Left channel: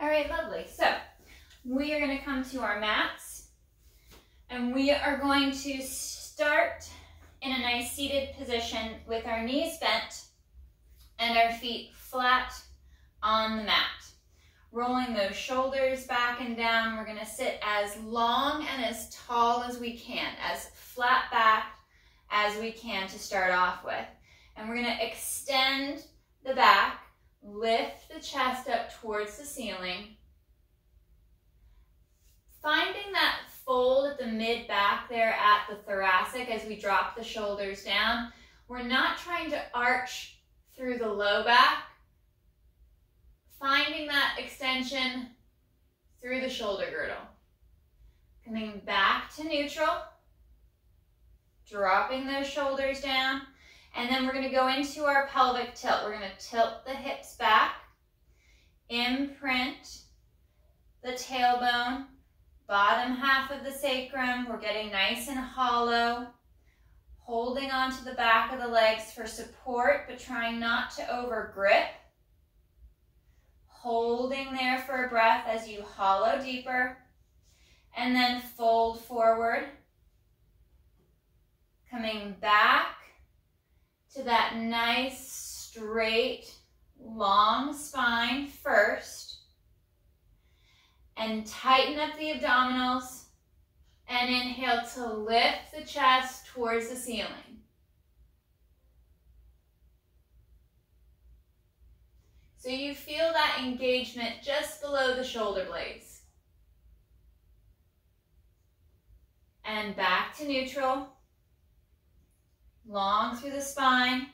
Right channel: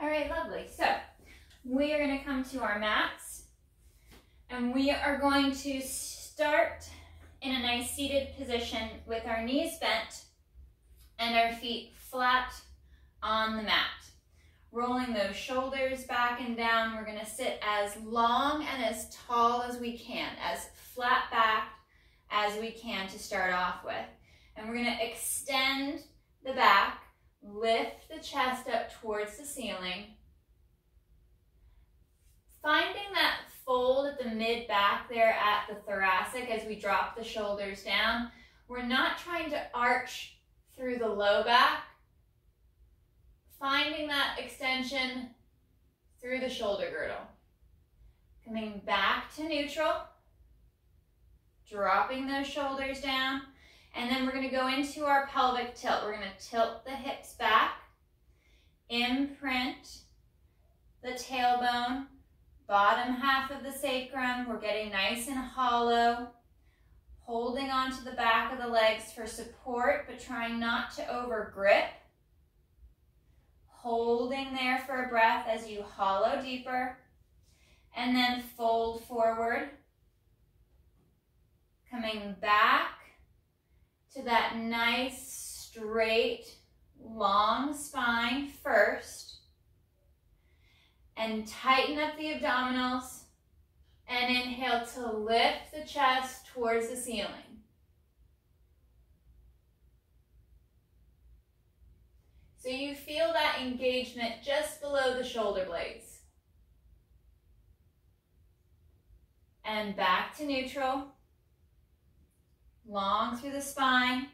All right, lovely. So we are going to come to our mats, and we are going to start in a nice seated position with our knees bent and our feet flat on the mat. Rolling those shoulders back and down. We're going to sit as long and as tall as we can, as flat back as we can to start off with. And we're going to extend the back, lift the chest up towards the ceiling. Finding that fold at the mid-back there at the thoracic as we drop the shoulders down. We're not trying to arch through the low back. Finding that extension through the shoulder girdle. Coming back to neutral. Dropping those shoulders down. And then we're going to go into our pelvic tilt. We're going to tilt the hips back. Imprint the tailbone. Bottom half of the sacrum. We're getting nice and hollow. Holding onto the back of the legs for support, but trying not to over grip. Holding there for a breath as you hollow deeper. And then fold forward. Coming back to that nice, straight, long spine first. And tighten up the abdominals. And inhale to lift the chest towards the ceiling. So you feel that engagement just below the shoulder blades. And back to neutral. Long through the spine.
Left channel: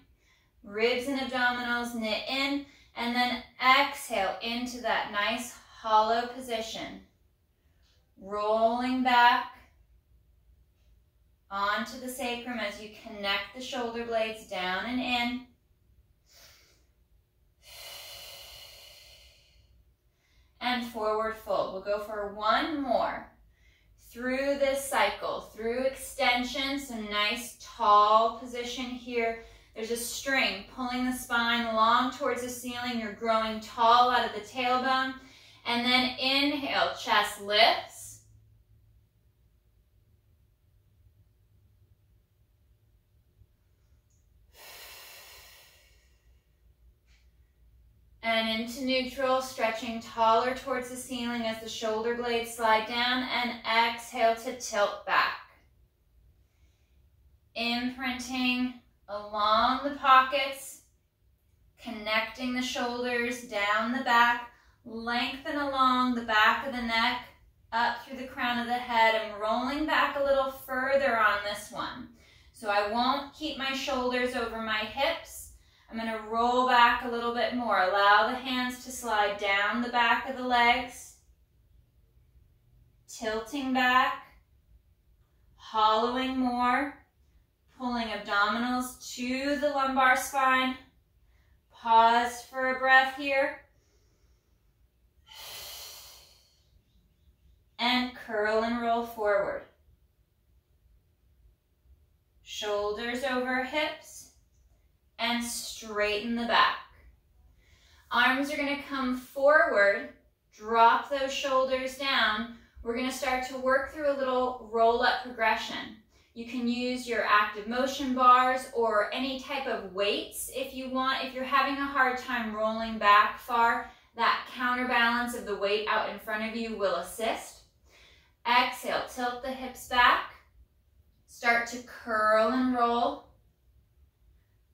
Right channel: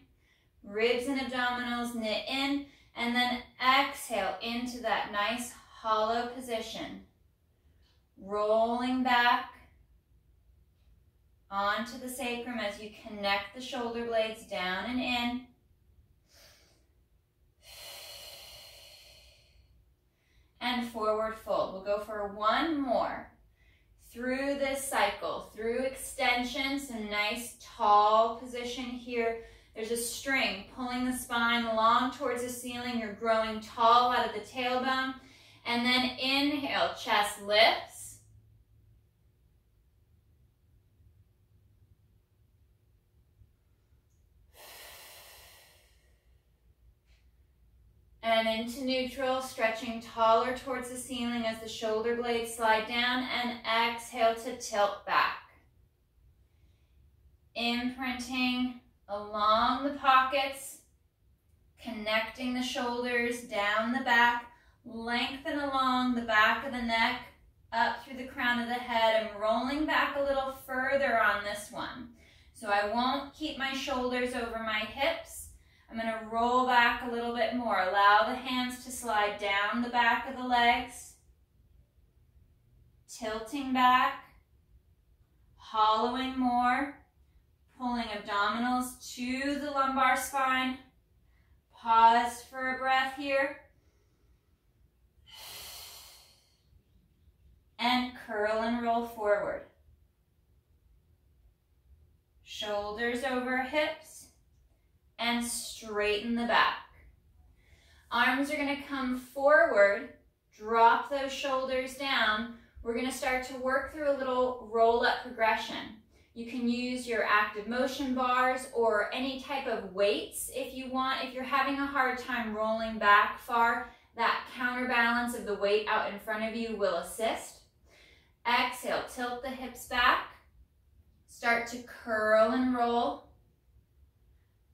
Ribs and abdominals knit in. And then exhale into that nice hollow position. Rolling back onto the sacrum as you connect the shoulder blades down and in. And forward fold. We'll go for one more. Through this cycle, through extension, some nice tall position here. There's a string pulling the spine long towards the ceiling. You're growing tall out of the tailbone. And then inhale, chest lifts. And into neutral, stretching taller towards the ceiling as the shoulder blades slide down, and exhale to tilt back. Imprinting along the pockets, connecting the shoulders down the back, lengthen along the back of the neck, up through the crown of the head. I'm rolling back a little further on this one. So I won't keep my shoulders over my hips. I'm going to roll back a little bit more. Allow the hands to slide down the back of the legs. Tilting back. Hollowing more. Pulling abdominals to the lumbar spine. Pause for a breath here. And curl and roll forward. Shoulders over hips. And straighten the back. Arms are going to come forward. Drop those shoulders down. We're going to start to work through a little roll-up progression. You can use your active motion bars or any type of weights if you want. If you're having a hard time rolling back far, that counterbalance of the weight out in front of you will assist. Exhale, tilt the hips back. Start to curl and roll.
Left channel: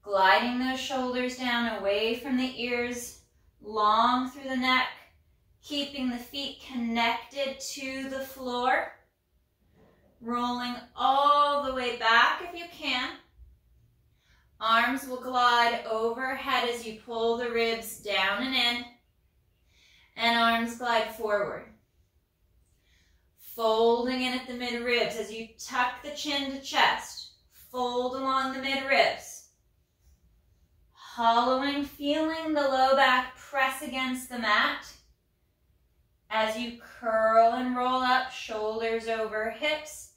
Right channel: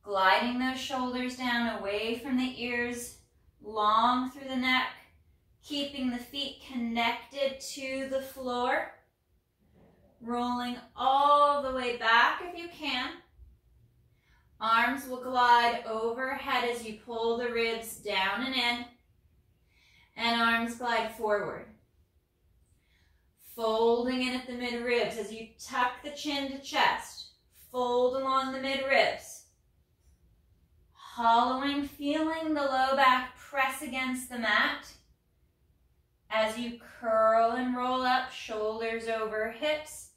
Gliding those shoulders down away from the ears, long through the neck, keeping the feet connected to the floor. Rolling all the way back if you can. Arms will glide overhead as you pull the ribs down and in. And arms glide forward. Folding in at the mid-ribs as you tuck the chin to chest. Fold along the mid-ribs. Hollowing, feeling the low back press against the mat. As you curl and roll up, shoulders over hips.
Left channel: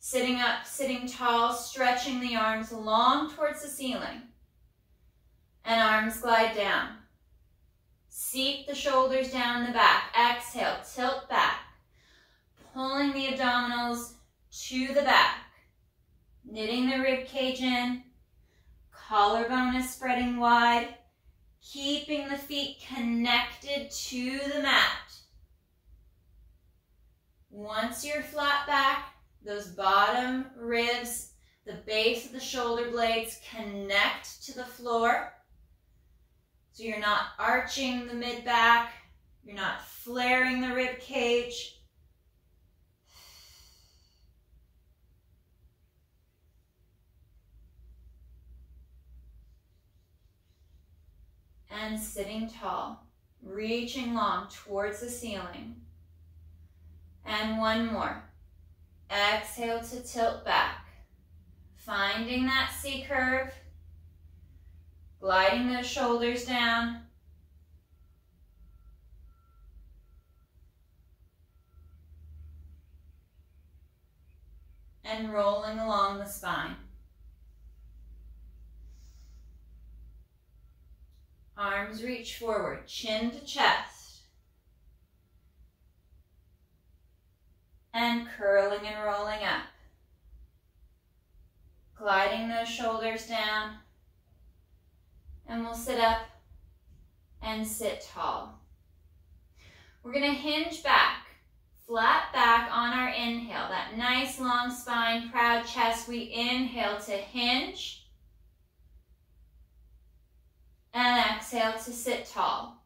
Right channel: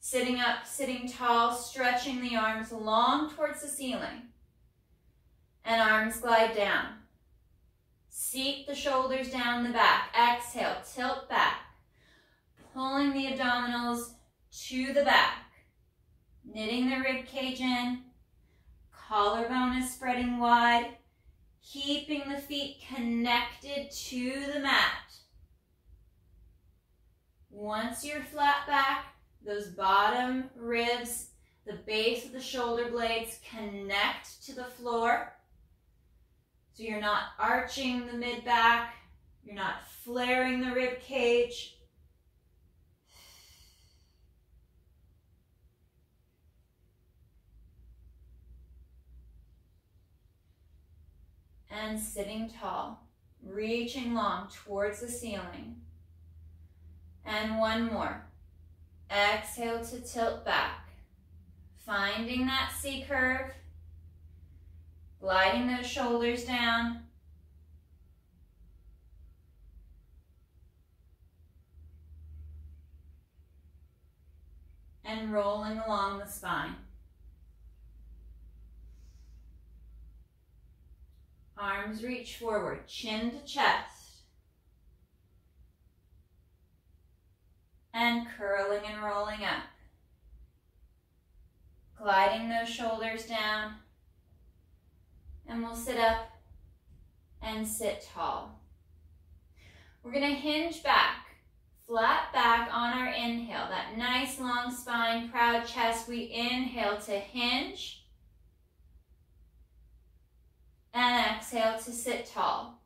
Sitting up, sitting tall, stretching the arms long towards the ceiling. And arms glide down. Seat the shoulders down the back. Exhale, tilt back. Pulling the abdominals to the back. Knitting the rib cage in. Collarbone is spreading wide. Keeping the feet connected to the mat. Once you're flat back, those bottom ribs, the base of the shoulder blades connect to the floor. So you're not arching the mid-back, you're not flaring the rib cage. And sitting tall, reaching long towards the ceiling. And one more. Exhale to tilt back. Finding that C curve. Gliding those shoulders down. And rolling along the spine. Arms reach forward, chin to chest. And curling and rolling up. Gliding those shoulders down. And we'll sit up and sit tall. We're going to hinge back, flat back on our inhale. That nice long spine, proud chest. We inhale to hinge. And exhale to sit tall.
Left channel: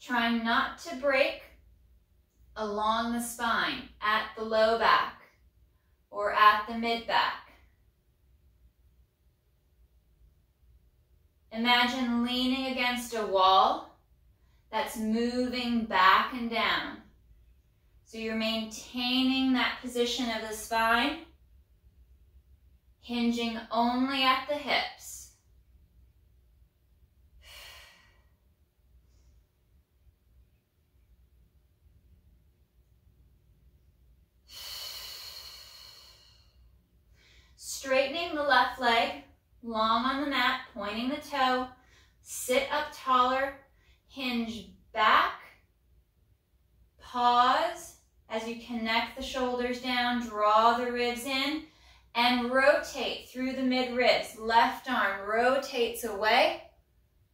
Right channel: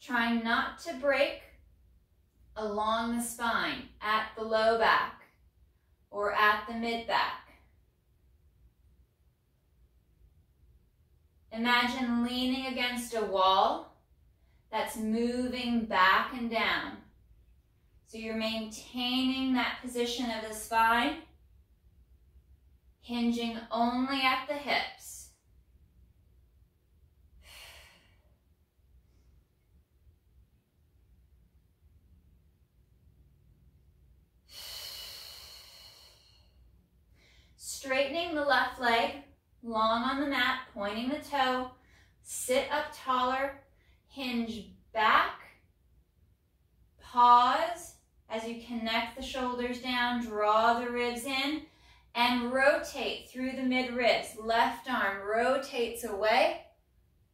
Trying not to break along the spine, at the low back or at the mid back. Imagine leaning against a wall that's moving back and down. So you're maintaining that position of the spine, hinging only at the hips. Straightening the left leg, long on the mat, pointing the toe, sit up taller, hinge back, pause as you connect the shoulders down, draw the ribs in, and rotate through the mid ribs. Left arm rotates away,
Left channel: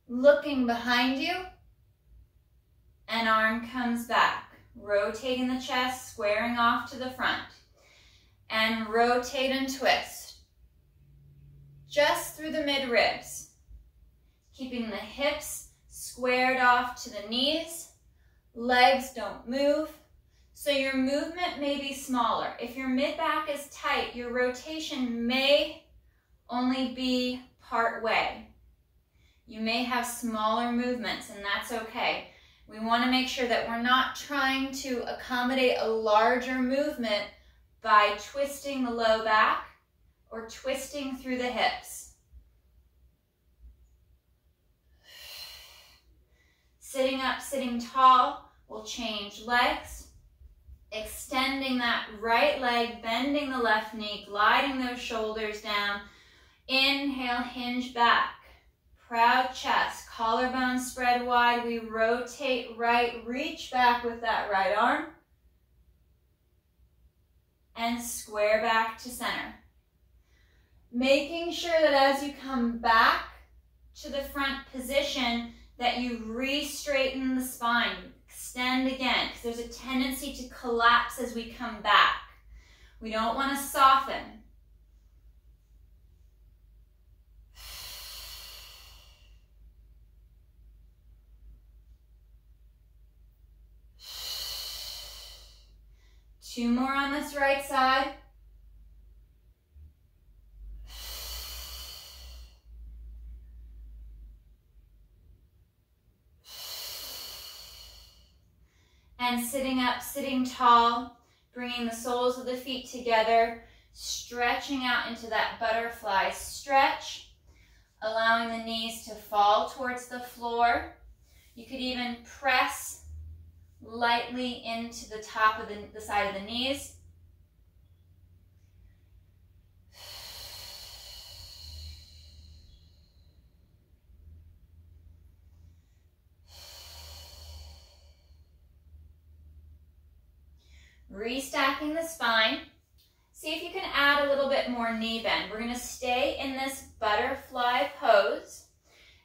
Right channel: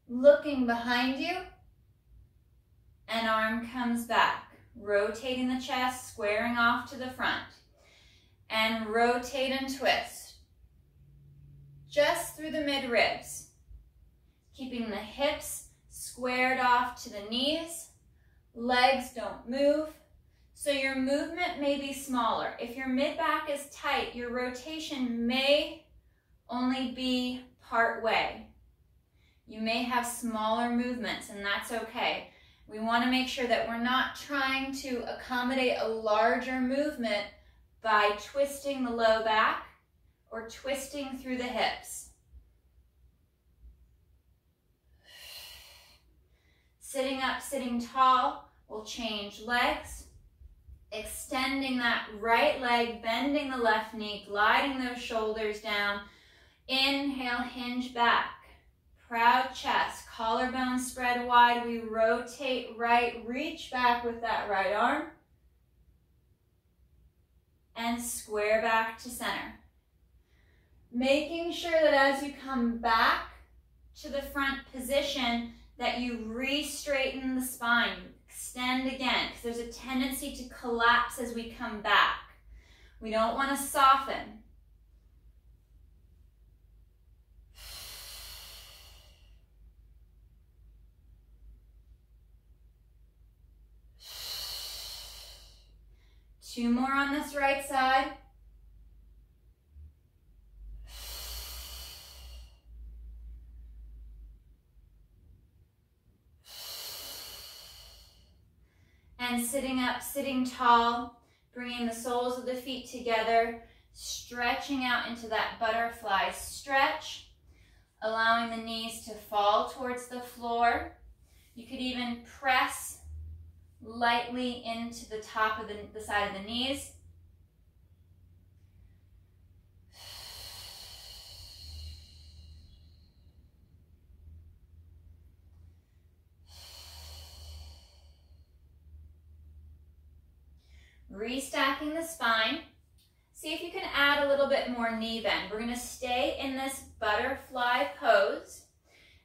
looking behind you, and arm comes back, rotating the chest, squaring off to the front, and rotate and twist. Just through the mid ribs, keeping the hips squared off to the knees, legs don't move, so your movement may be smaller. If your mid back is tight, your rotation may only be part way. You may have smaller movements, and that's okay. We want to make sure that we're not trying to accommodate a larger movement by twisting the low back or twisting through the hips. Sitting up, sitting tall, we'll change legs, extending that right leg, bending the left knee, gliding those shoulders down. Inhale, hinge back, proud chest, collarbone spread wide. We rotate right, reach back with that right arm, and square back to center. Making sure that as you come back to the front position, that you re-straighten the spine, extend again, because there's a tendency to collapse as we come back. We don't want to soften. Two more on this right side. And sitting up, sitting tall, bringing the soles of the feet together, stretching out into that butterfly stretch, allowing the knees to fall towards the floor. You could even press lightly into the top of the side of the knees. Restacking the spine. See if you can add a little bit more knee bend. We're going to stay in this butterfly pose,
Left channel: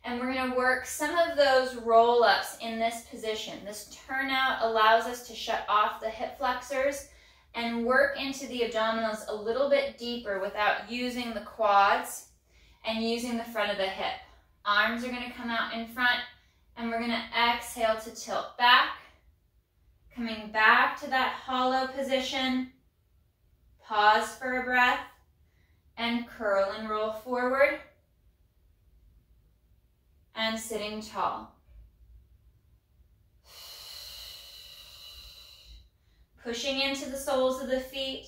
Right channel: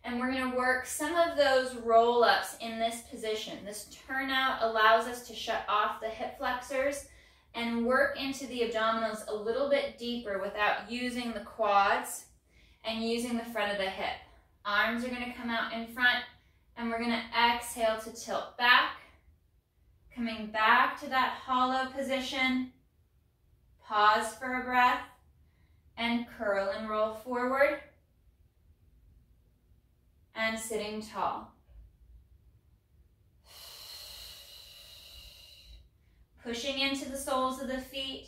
and we're going to work some of those roll-ups in this position. This turnout allows us to shut off the hip flexors and work into the abdominals a little bit deeper without using the quads and using the front of the hip. Arms are going to come out in front, and we're going to exhale to tilt back, coming back to that hollow position. Pause for a breath, and curl and roll forward, and sitting tall. Pushing into the soles of the feet.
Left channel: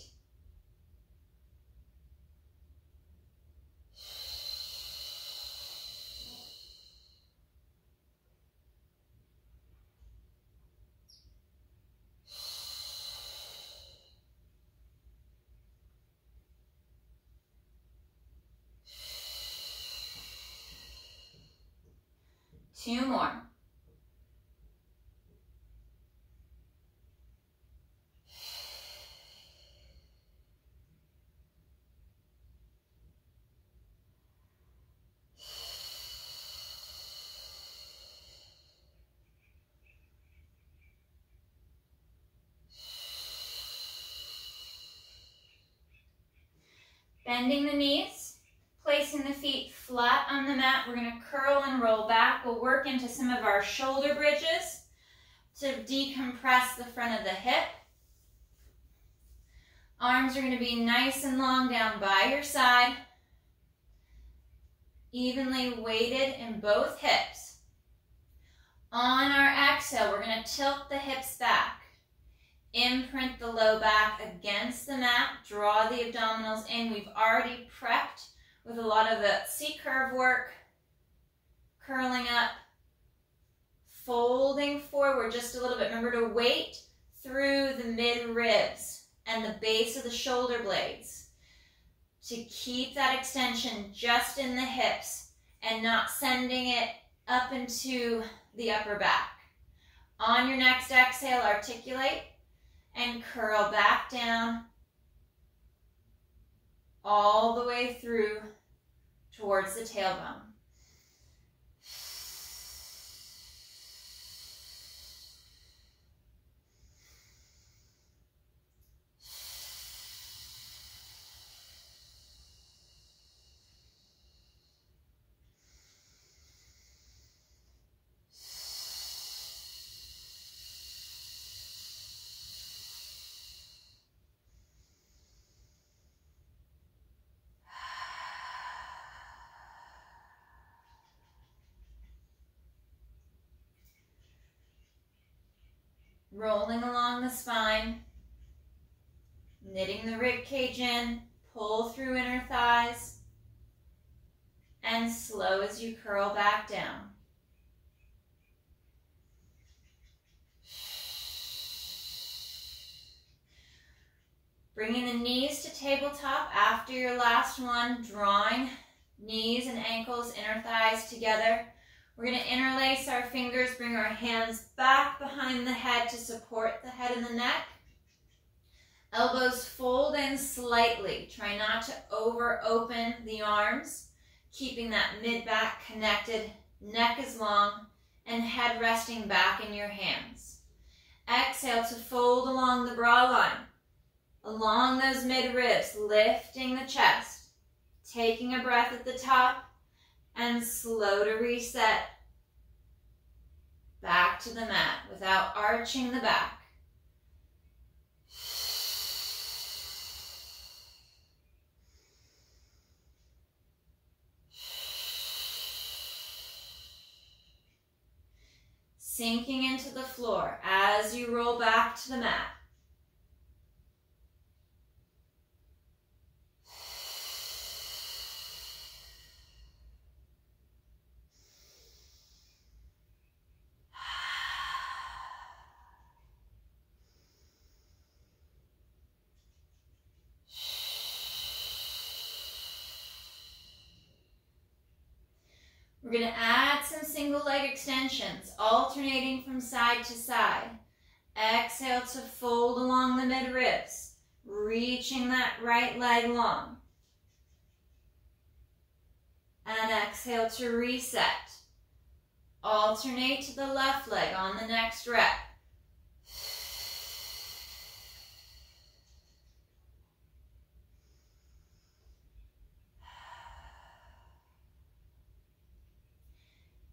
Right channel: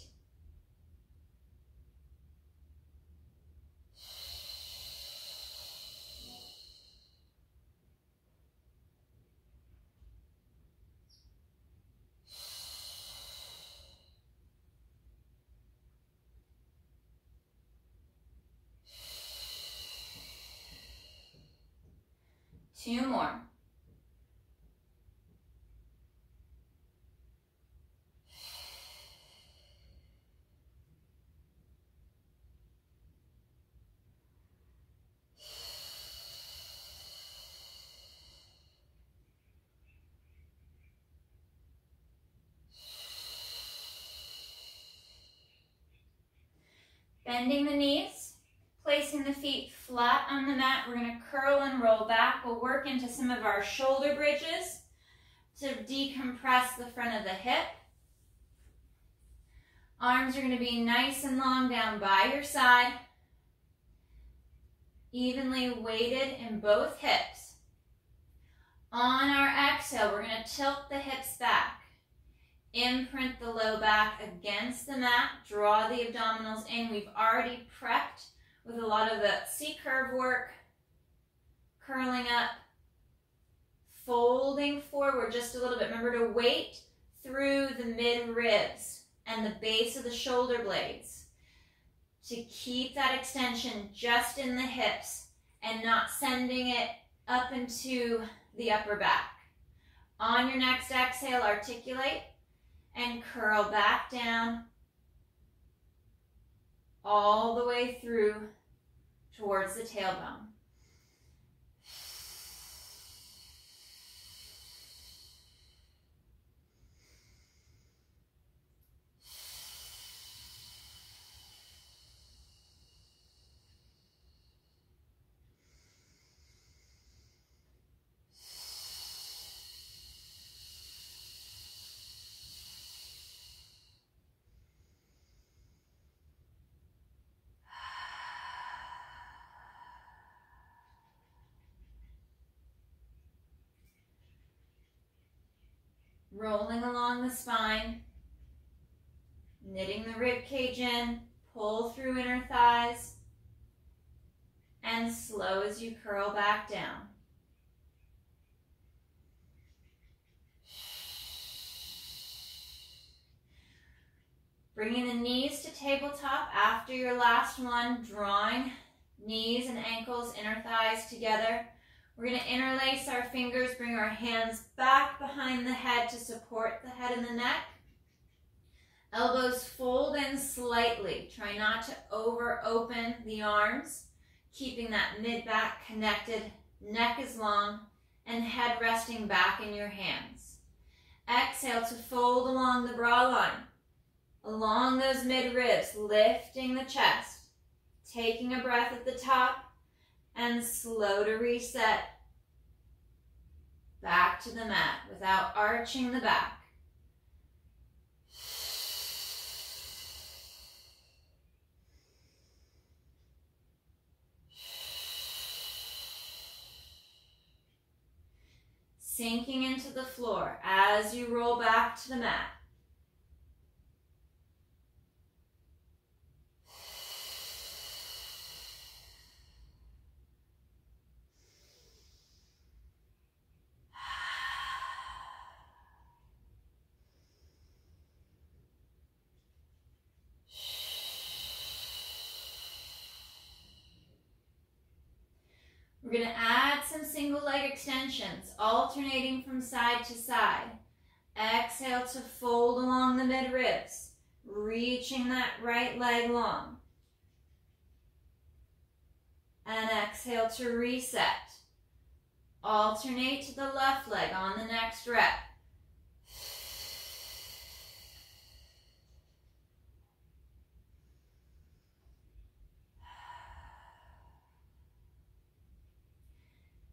Two more. Bending the knees, placing the feet flat on the mat. We're going to curl and roll back. We'll work into some of our shoulder bridges to decompress the front of the hip. Arms are going to be nice and long down by your side, evenly weighted in both hips. On our exhale, we're going to tilt the hips back. Imprint the low back against the mat. Draw the abdominals in. We've already prepped with a lot of the C-curve work. Curling up. Folding forward just a little bit. Remember to weight through the mid-ribs and the base of the shoulder blades to keep that extension just in the hips and not sending it up into the upper back. On your next exhale, articulate and curl back down all the way through towards the tailbone. Rolling along the spine, knitting the rib cage in, pull through inner thighs, and slow as you curl back down. Bringing the knees to tabletop after your last one, drawing knees and ankles, inner thighs together. We're going to interlace our fingers, bring our hands back behind the head to support the head and the neck. Elbows fold in slightly. Try not to over open the arms, keeping that mid-back connected, neck is long, and head resting back in your hands. Exhale to fold along the brow line, along those mid-ribs, lifting the chest, taking a breath at the top, and slow to reset back to the mat without arching the back. Sinking into the floor as you roll back to the mat. We're going to add some single leg extensions, alternating from side to side. Exhale to fold along the mid-ribs, reaching that right leg long. And exhale to reset. Alternate to the left leg on the next rep.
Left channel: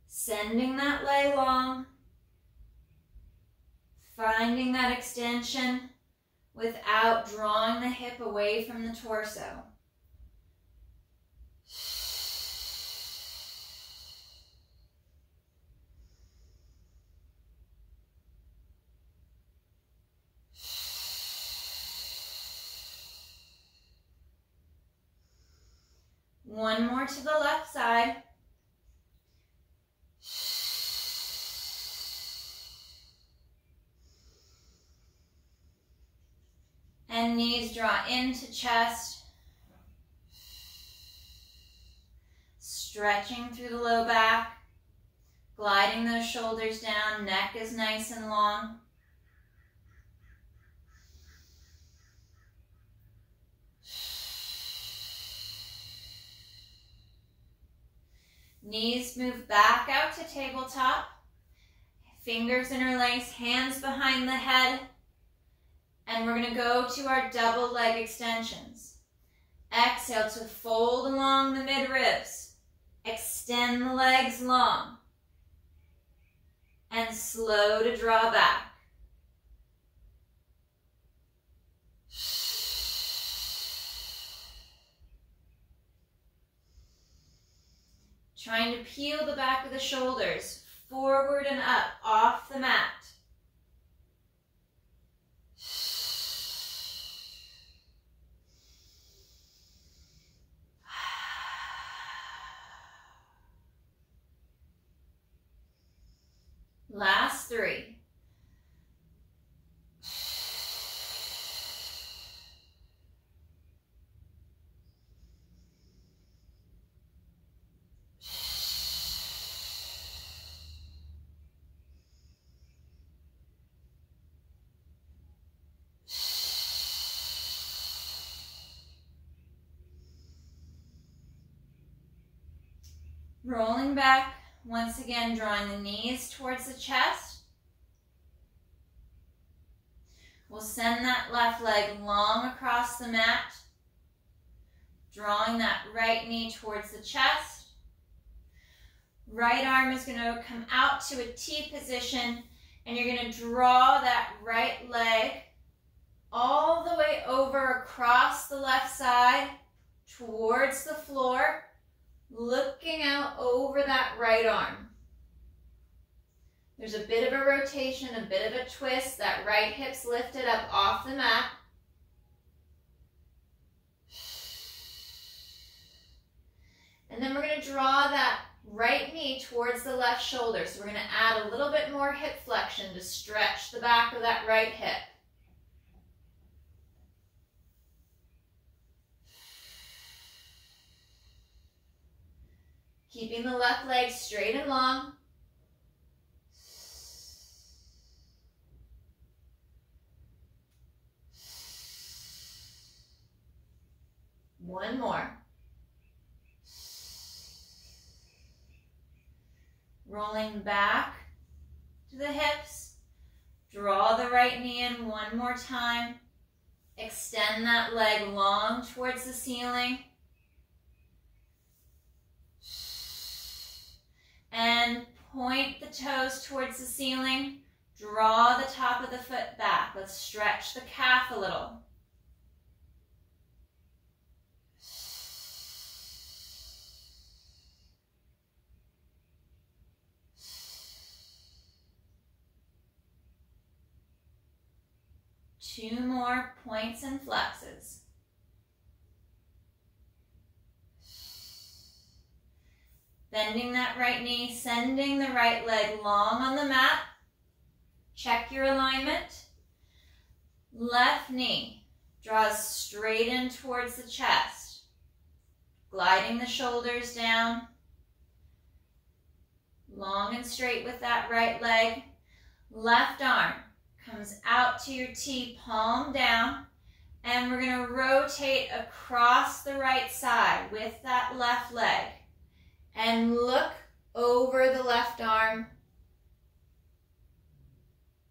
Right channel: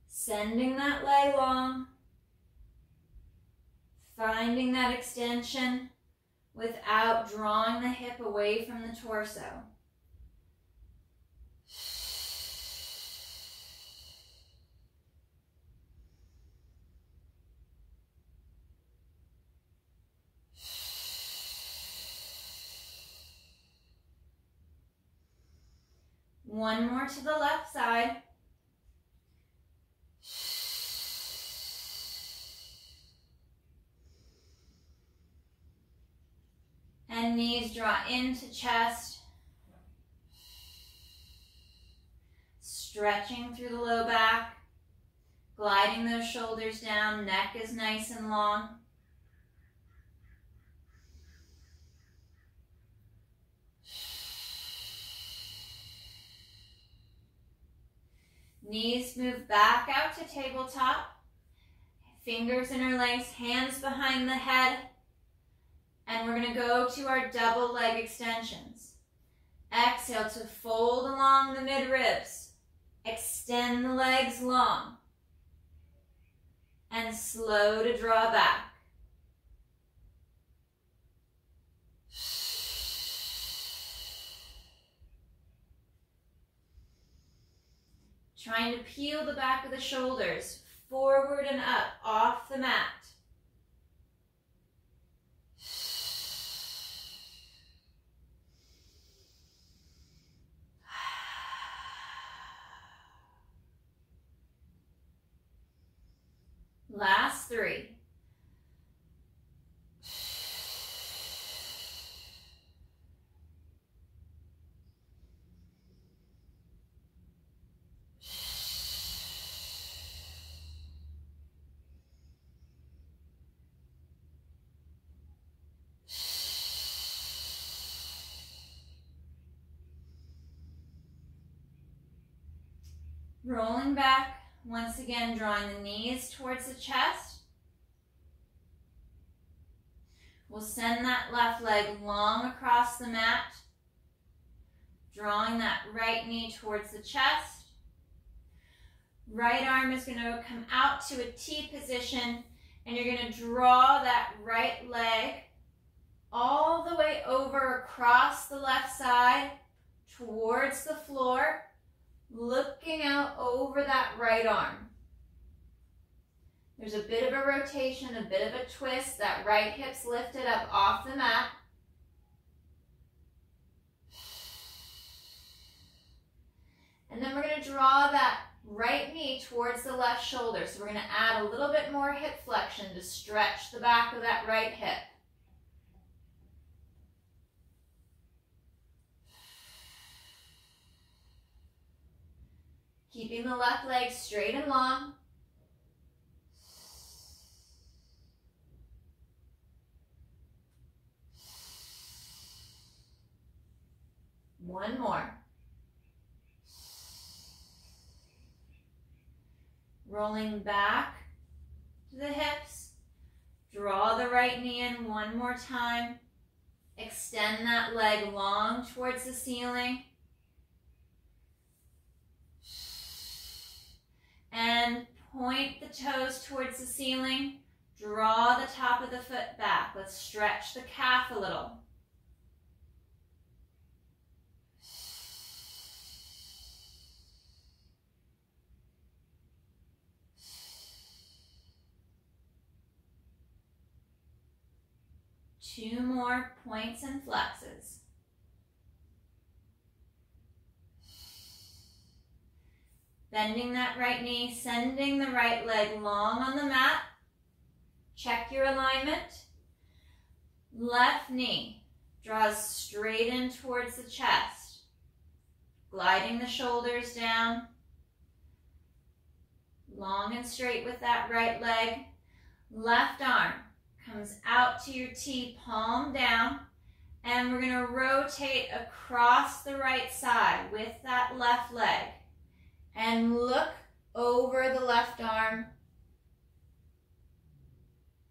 Sending that leg long. Finding that extension without drawing the hip away from the torso. One more to the left side. And knees draw into chest. Stretching through the low back. Gliding those shoulders down. Neck is nice and long. Knees move back out to tabletop. Fingers interlace, hands behind the head. And we're going to go to our double leg extensions. Exhale to fold along the mid-ribs. Extend the legs long. And slow to draw back. Trying to peel the back of the shoulders forward and up off the mat. Last 3. Rolling back, once again drawing the knees towards the chest. We'll send that left leg long across the mat, drawing that right knee towards the chest. Right arm is going to come out to a T position, and you're going to draw that right leg all the way over across the left side towards the floor, looking out over that right arm. There's a bit of a rotation, a bit of a twist. That right hip's lifted up off the mat. And then we're going to draw that right knee towards the left shoulder. So we're going to add a little bit more hip flexion to stretch the back of that right hip. Keeping the left leg straight and long. One more. Rolling back to the hips. Draw the right knee in one more time. Extend that leg long towards the ceiling. And point the toes towards the ceiling. Draw the top of the foot back. Let's stretch the calf a little. Two more points and flexes. Bending that right knee, sending the right leg long on the mat. Check your alignment. Left knee draws straight in towards the chest. Gliding the shoulders down. Long and straight with that right leg. Left arm comes out to your T, palm down. And we're going to rotate across the right side with that left leg. And look over the left arm,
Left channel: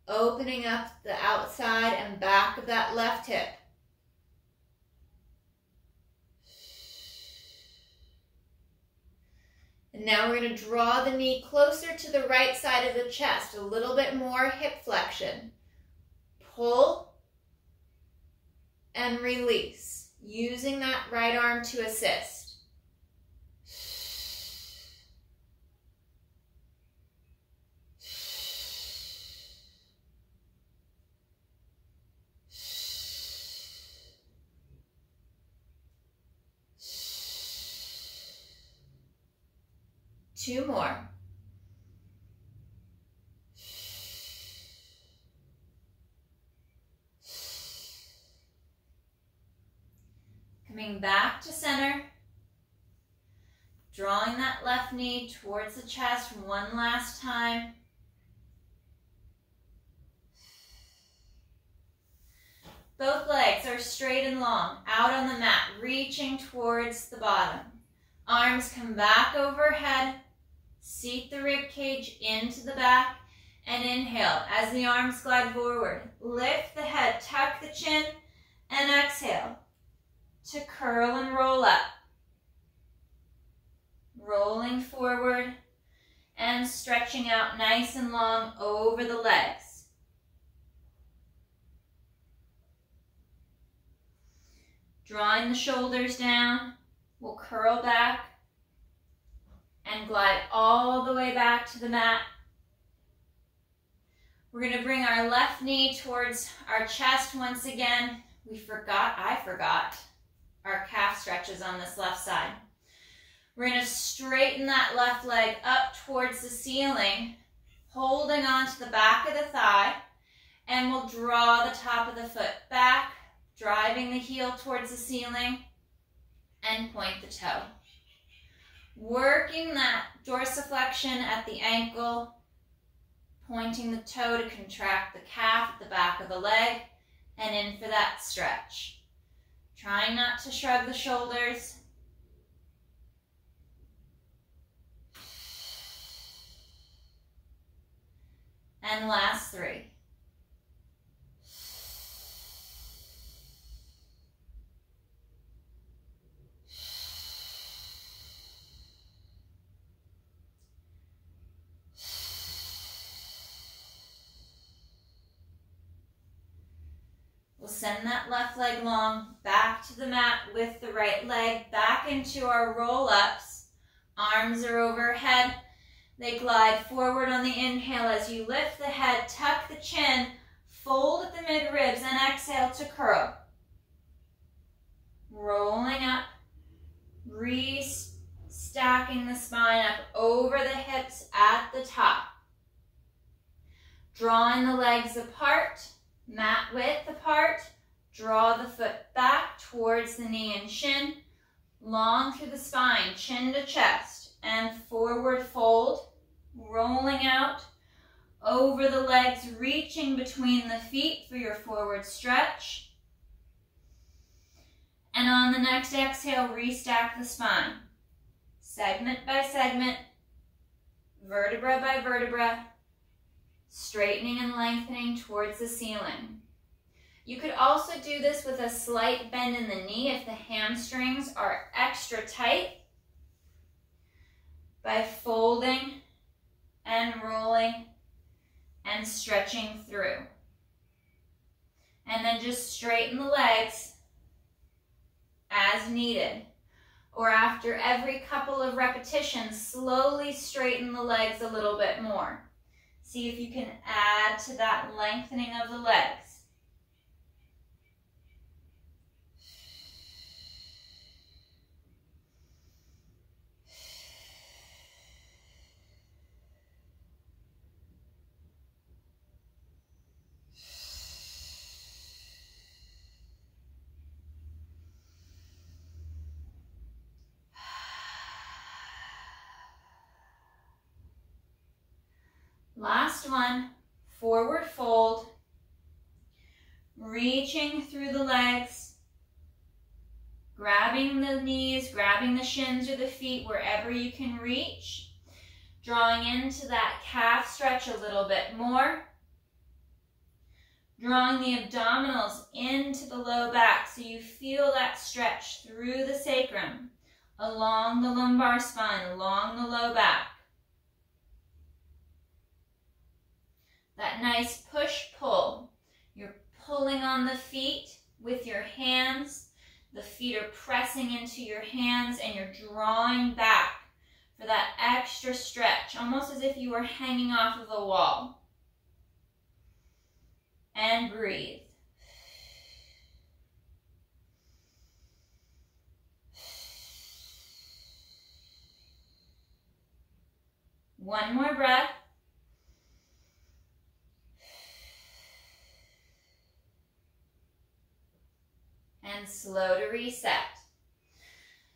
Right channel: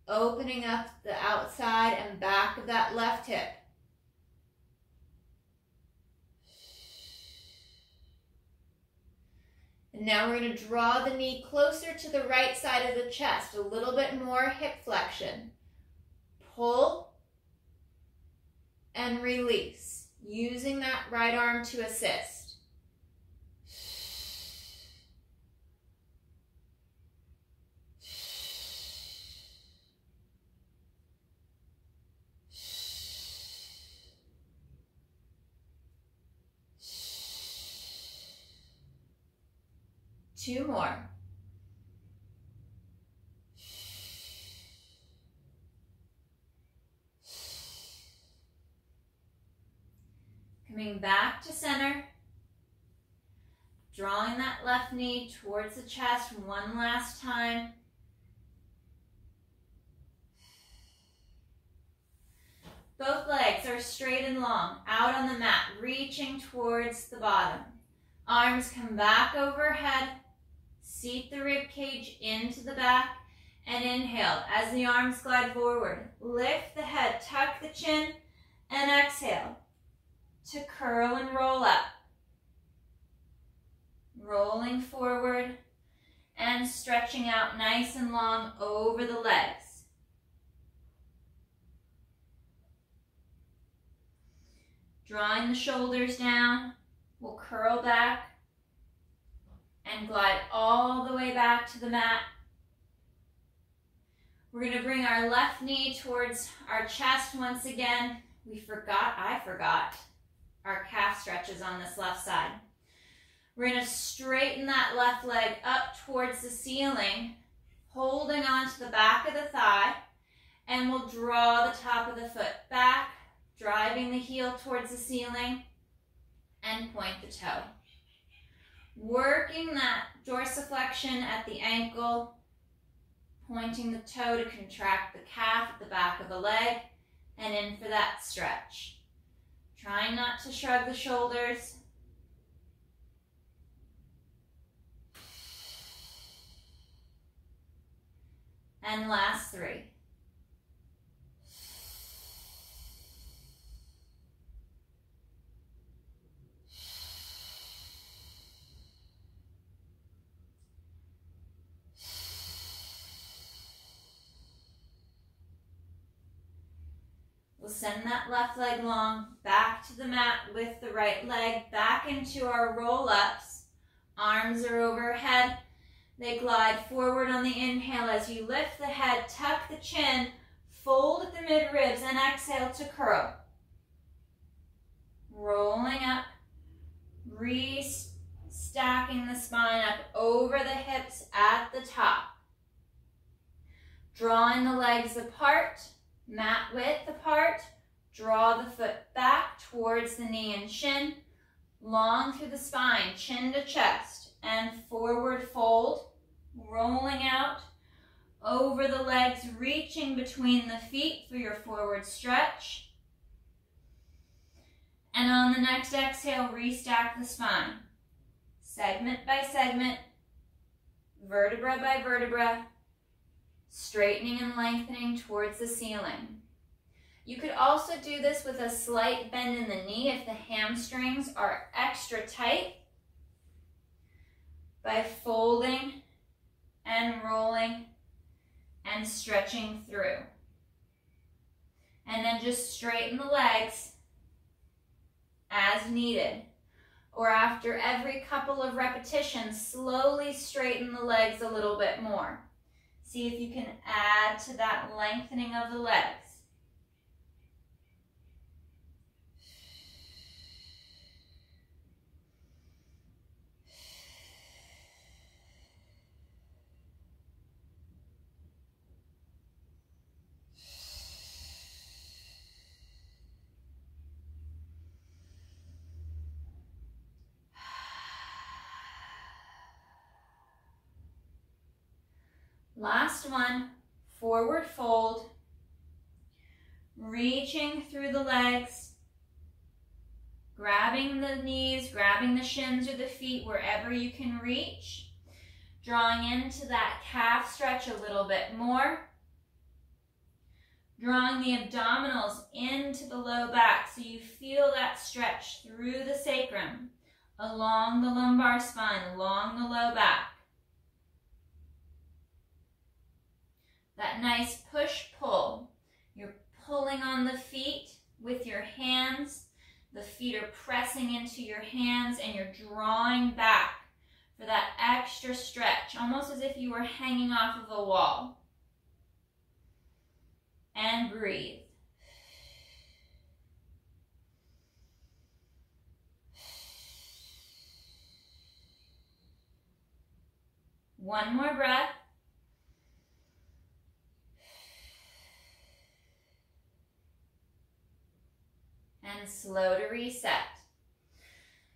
opening up the outside and back of that left hip. And now we're going to draw the knee closer to the right side of the chest, a little bit more hip flexion. Pull and release, using that right arm to assist. 2 more. Coming back to center. Drawing that left knee towards the chest one last time. Both legs are straight and long, out on the mat, reaching towards the bottom. Arms come back overhead. Seat the rib cage into the back and inhale as the arms glide forward. Lift the head, tuck the chin, and exhale to curl and roll up. Rolling forward and stretching out nice and long over the legs. Drawing the shoulders down, we'll curl back and glide all the way back to the mat. We're going to bring our left knee towards our chest once again. I forgot our calf stretches on this left side. We're going to straighten that left leg up towards the ceiling, holding onto the back of the thigh, and we'll draw the top of the foot back, driving the heel towards the ceiling, and point the toe. Working that dorsiflexion at the ankle, pointing the toe to contract the calf at the back of the leg, and in for that stretch. Trying not to shrug the shoulders. And last 3. We'll send that left leg long, back to the mat with the right leg, back into our roll-ups. Arms are overhead. They glide forward on the inhale as you lift the head, tuck the chin, fold at the mid-ribs, and exhale to curl. Rolling up, restacking the spine up over the hips at the top. Drawing the legs apart, mat width apart, draw the foot back towards the knee and shin, long through the spine, chin to chest, and forward fold, rolling out over the legs, reaching between the feet for your forward stretch. And on the next exhale, restack the spine, segment by segment, vertebra by vertebra, straightening and lengthening towards the ceiling. You could also do this with a slight bend in the knee if the hamstrings are extra tight, by folding and rolling and stretching through. And then just straighten the legs as needed. Or after every couple of repetitions, slowly straighten the legs a little bit more. See if you can add to that lengthening of the legs. Last one, forward fold, reaching through the legs, grabbing the knees, grabbing the shins or the feet wherever you can reach, drawing into that calf stretch a little bit more, drawing the abdominals into the low back so you feel that stretch through the sacrum, along the lumbar spine, along the low back. That nice push-pull. You're pulling on the feet with your hands. The feet are pressing into your hands and you're drawing back for that extra stretch, almost as if you were hanging off of a wall. And breathe. One more breath. And slow to reset.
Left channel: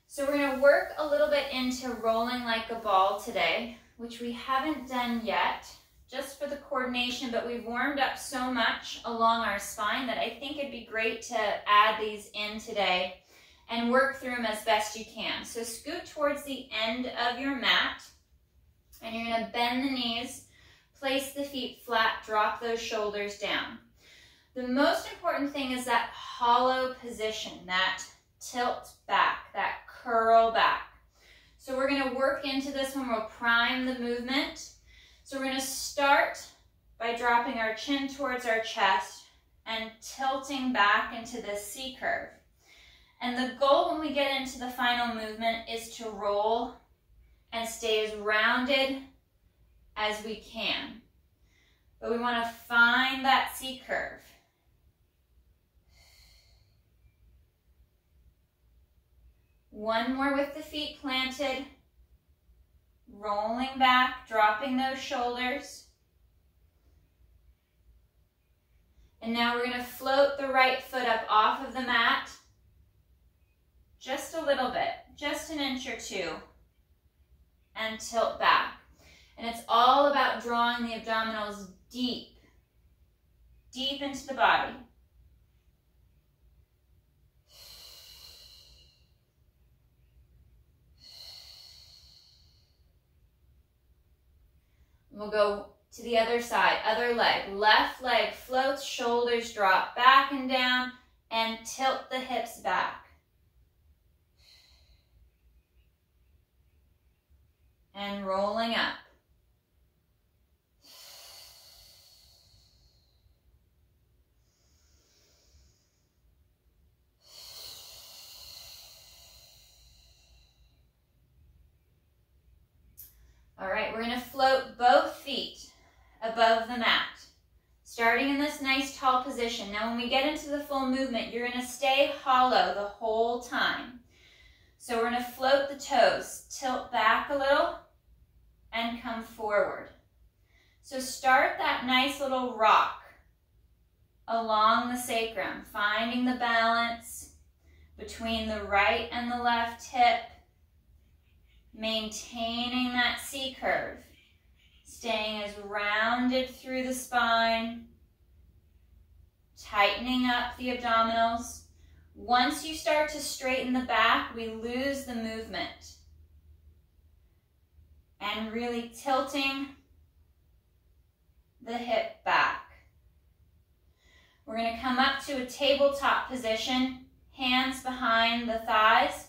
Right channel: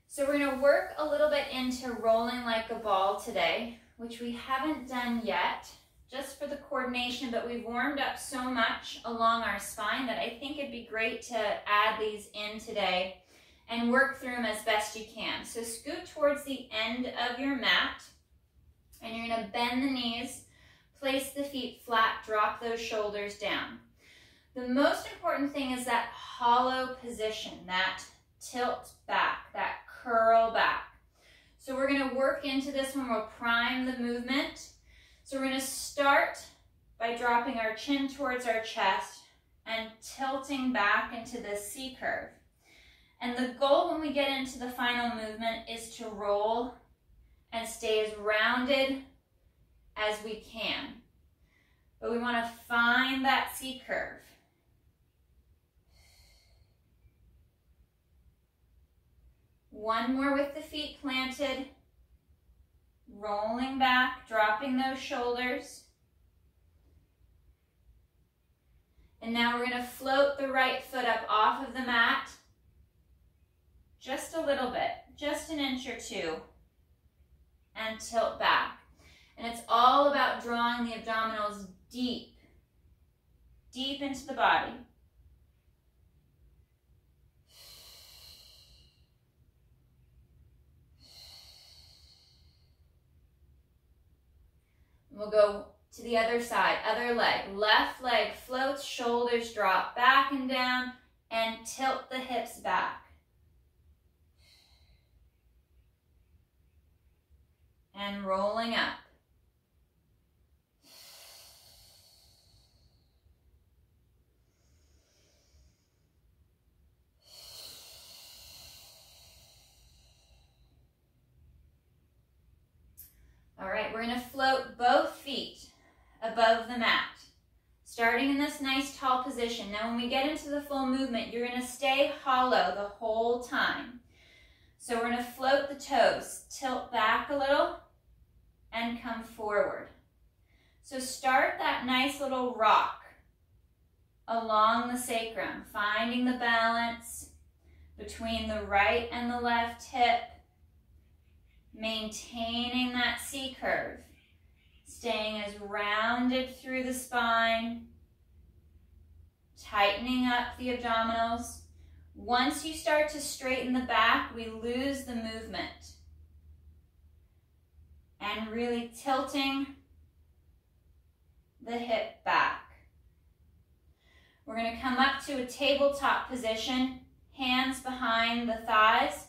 So we're going to work a little bit into rolling like a ball today, which we haven't done yet, just for the coordination, but we've warmed up so much along our spine that I think it'd be great to add these in today and work through them as best you can. So scoot towards the end of your mat, and you're going to bend the knees, place the feet flat, drop those shoulders down. The most important thing is that hollow position, that tilt back, that curl back. So we're going to work into this when we'll prime the movement. So we're going to start by dropping our chin towards our chest and tilting back into the C curve. And the goal when we get into the final movement is to roll and stay as rounded as we can. But we want to find that C curve. One more with the feet planted, rolling back, dropping those shoulders. And now we're going to float the right foot up off of the mat, just a little bit, just an inch or two, and tilt back. And it's all about drawing the abdominals deep, deep into the body. We'll go to the other side, other leg. Left leg floats, shoulders drop back and down, and tilt the hips back. And rolling up. All right, we're going to float both feet above the mat, starting in this nice tall position. Now when we get into the full movement, you're going to stay hollow the whole time. So we're going to float the toes, tilt back a little, and come forward. So start that nice little rock along the sacrum, finding the balance between the right and the left hip, maintaining that C curve, staying as rounded through the spine, tightening up the abdominals. Once you start to straighten the back, we lose the movement. And really tilting the hip back. We're going to come up to a tabletop position, hands behind the thighs,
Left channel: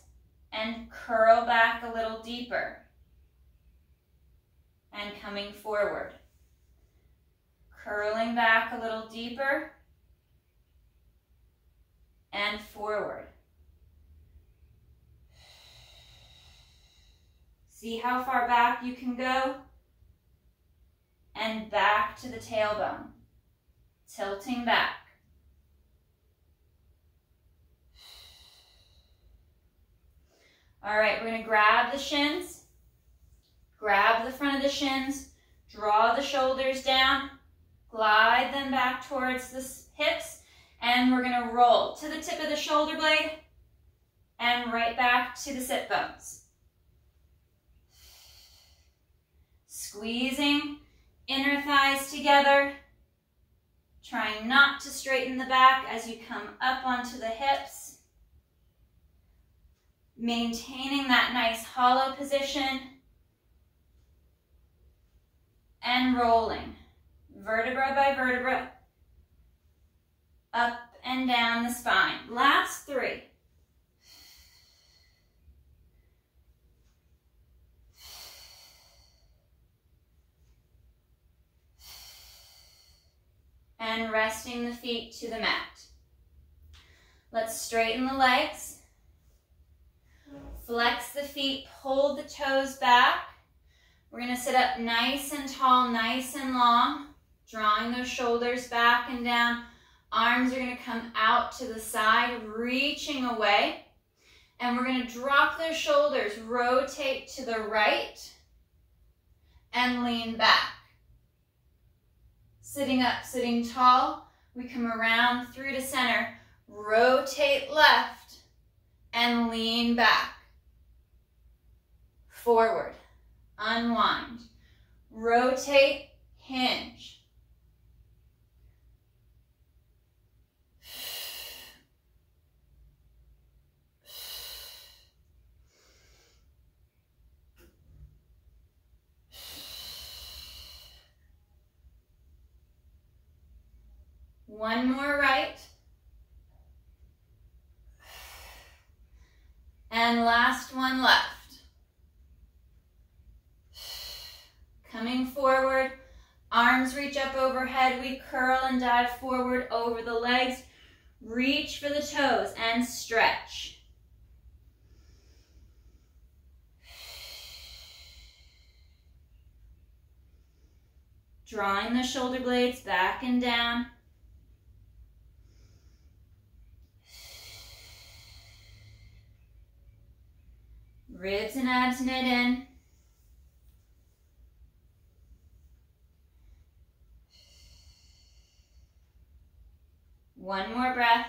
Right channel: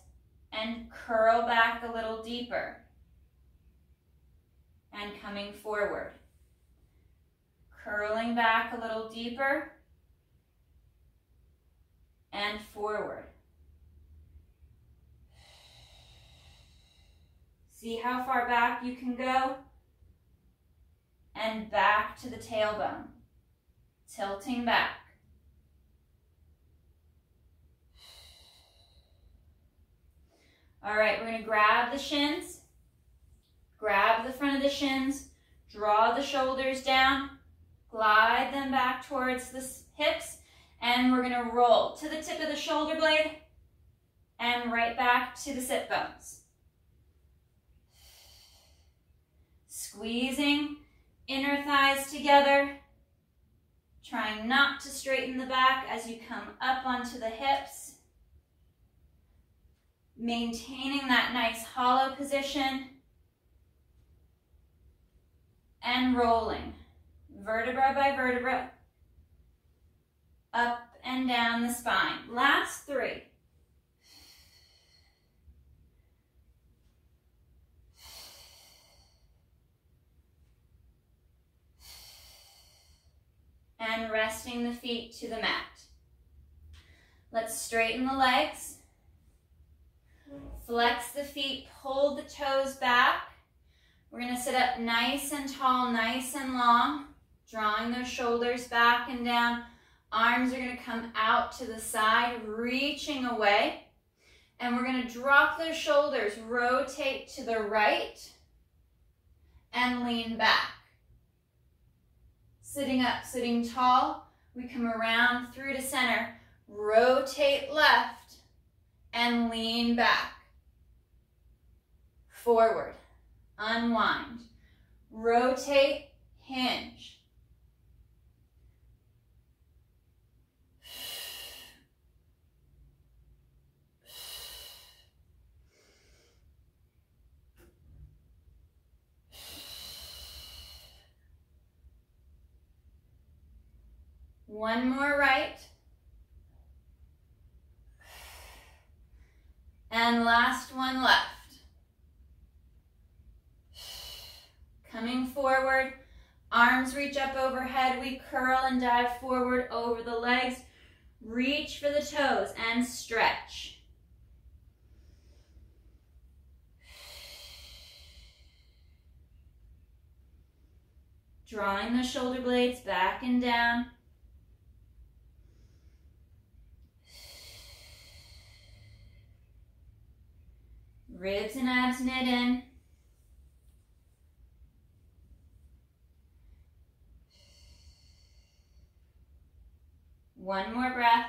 and curl back a little deeper. And coming forward. Curling back a little deeper. And forward. See how far back you can go. And back to the tailbone. Tilting back. All right, we're going to grab the shins, grab the front of the shins, draw the shoulders down, glide them back towards the hips, and we're going to roll to the tip of the shoulder blade and right back to the sit bones. Squeezing inner thighs together, Trying not to straighten the back as you come up onto the hips. Maintaining that nice hollow position. And rolling, vertebra by vertebra, up and down the spine. Last 3. And resting the feet to the mat. Let's straighten the legs. Flex the feet, hold the toes back. We're going to sit up nice and tall, nice and long, drawing those shoulders back and down. Arms are going to come out to the side, reaching away. And we're going to drop those shoulders, rotate to the right, and lean back. Sitting up, sitting tall, we come around through to center, rotate left, and lean back. Forward. Unwind, rotate, hinge. One more right. And last one left. Coming forward, arms reach up overhead, we curl and dive forward over the legs, reach for the toes and stretch. Drawing the shoulder blades back and down. Ribs and abs knit in. One more breath.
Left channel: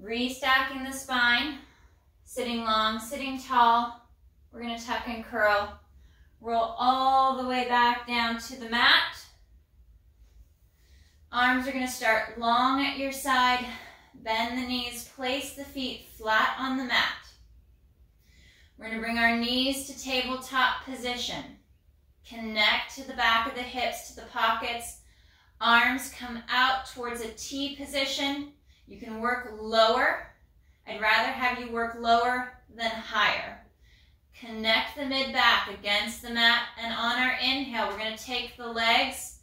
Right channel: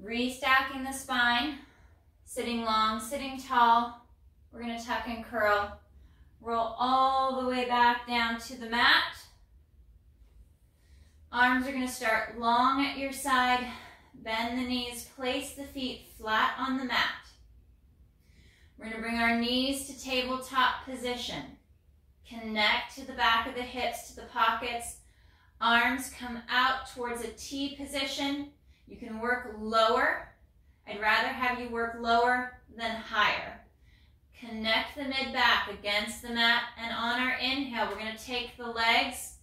Restacking the spine, sitting long, sitting tall. We're going to tuck and curl. Roll all the way back down to the mat. Arms are going to start long at your side. Bend the knees, place the feet flat on the mat. We're going to bring our knees to tabletop position. Connect to the back of the hips, to the pockets. Arms come out towards a T position. You can work lower. I'd rather have you work lower than higher. Connect the mid-back against the mat, and on our inhale, we're going to take the legs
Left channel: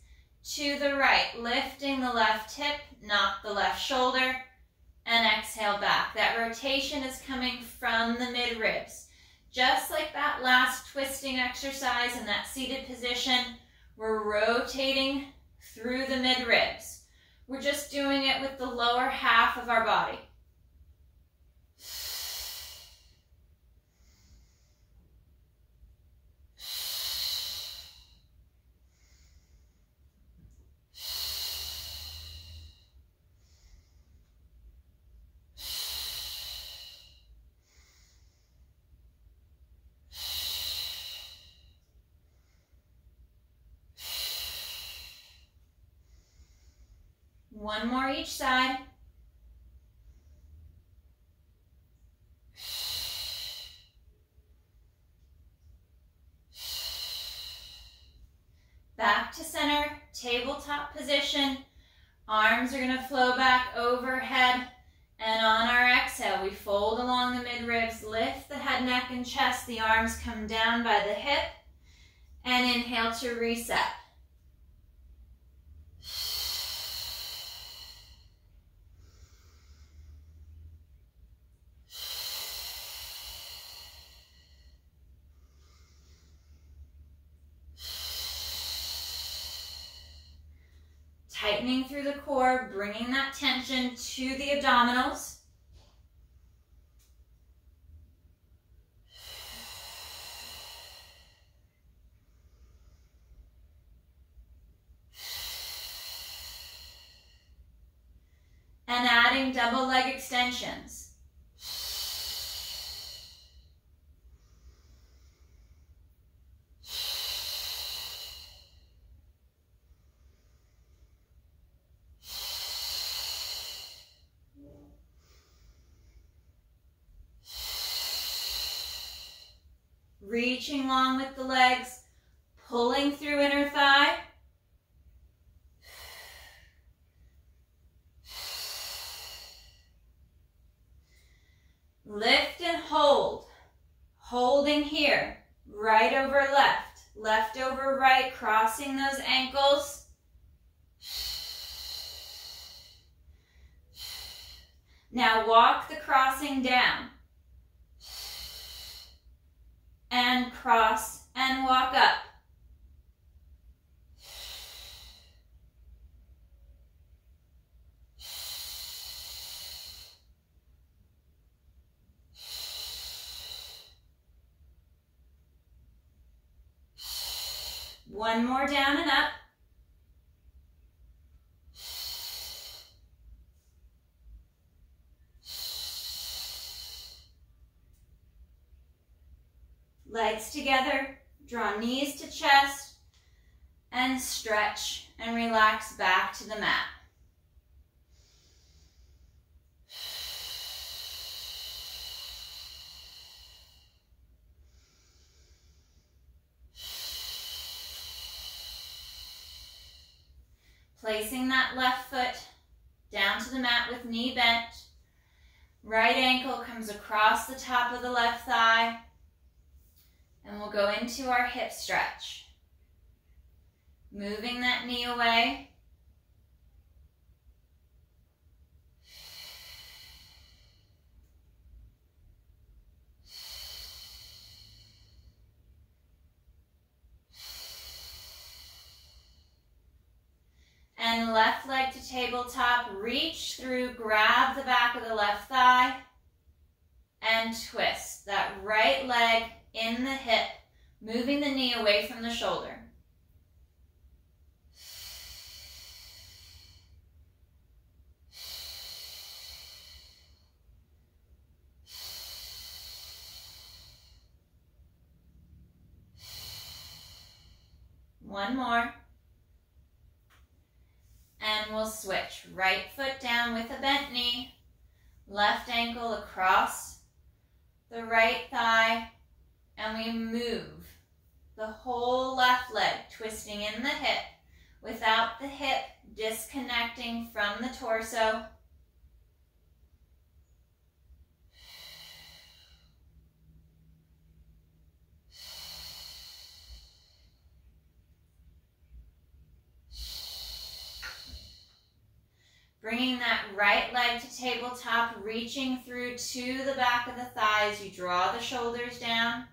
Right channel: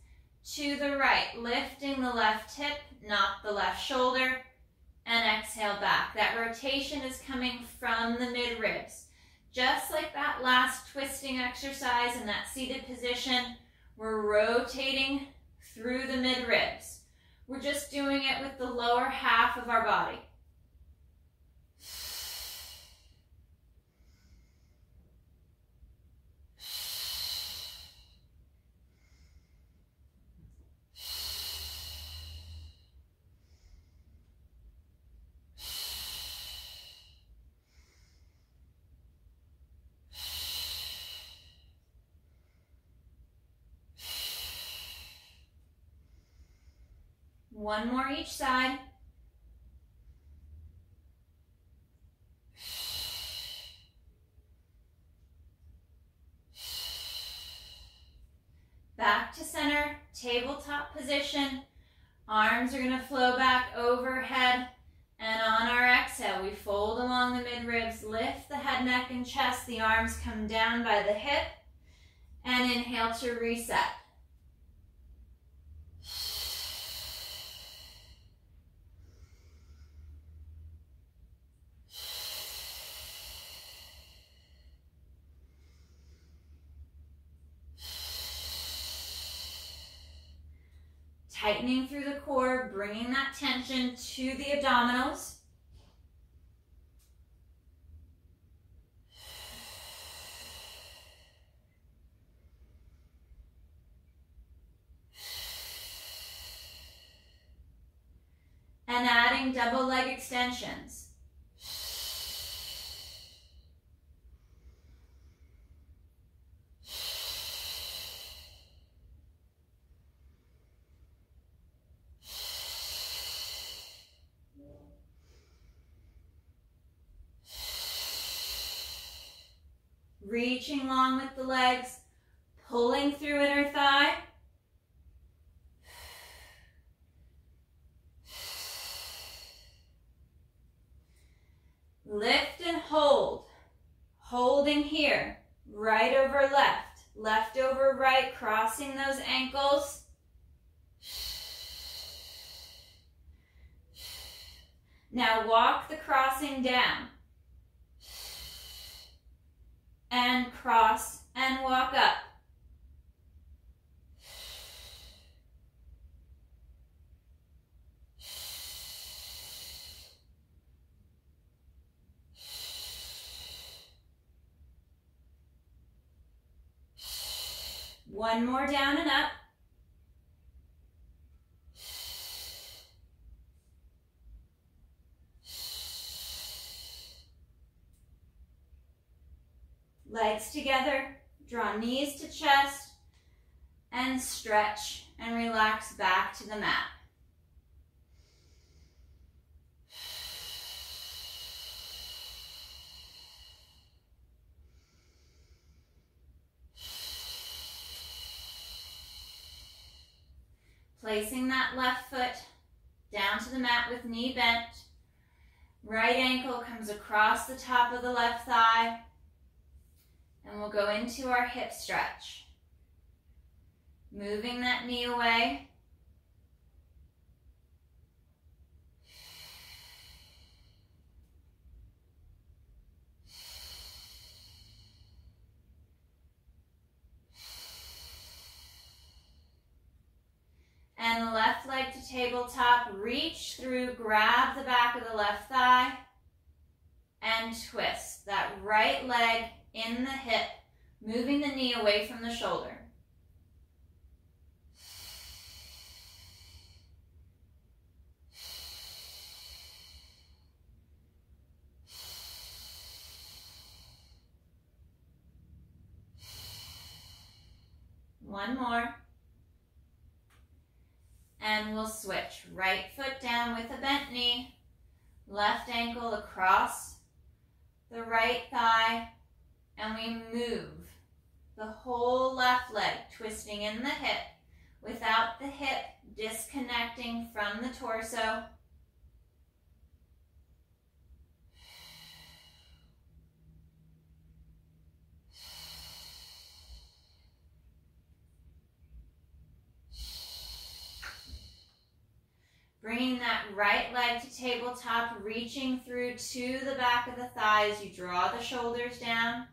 to the right, lifting the left hip, knock the left shoulder, and exhale back. That rotation is coming from the mid-ribs. Just like that last twisting exercise in that seated position, we're rotating through the mid-ribs. We're just doing it with the lower half of our body. One more each side. Back to center, tabletop position. Arms are going to flow back overhead. And on our exhale, we fold along the mid-ribs, lift the head, neck, and chest. The arms come down by the hip. And inhale to reset. Tightening through the core, bringing that tension to the abdominals. And adding double leg extensions. reaching long with the legs, pulling through inner thigh. Lift and hold, holding here, right over left, left over right, crossing those ankles. Now walk the crossing down, and cross and walk up. One more down and up. Legs together, draw knees to chest, and stretch and relax back to the mat. Placing that left foot down to the mat with knee bent. Right ankle comes across the top of the left thigh. And we'll go into our hip stretch. Moving that knee away. And left leg to tabletop, reach through, grab the back of the left thigh, and twist that right leg in the hip, moving the knee away from the shoulder. One more. And we'll switch. Right foot down with a bent knee, left ankle across the right thigh, and we move the whole left leg, twisting in the hip without the hip disconnecting from the torso. Bringing that right leg to tabletop, reaching through to the back of the thighs. You draw the shoulders down.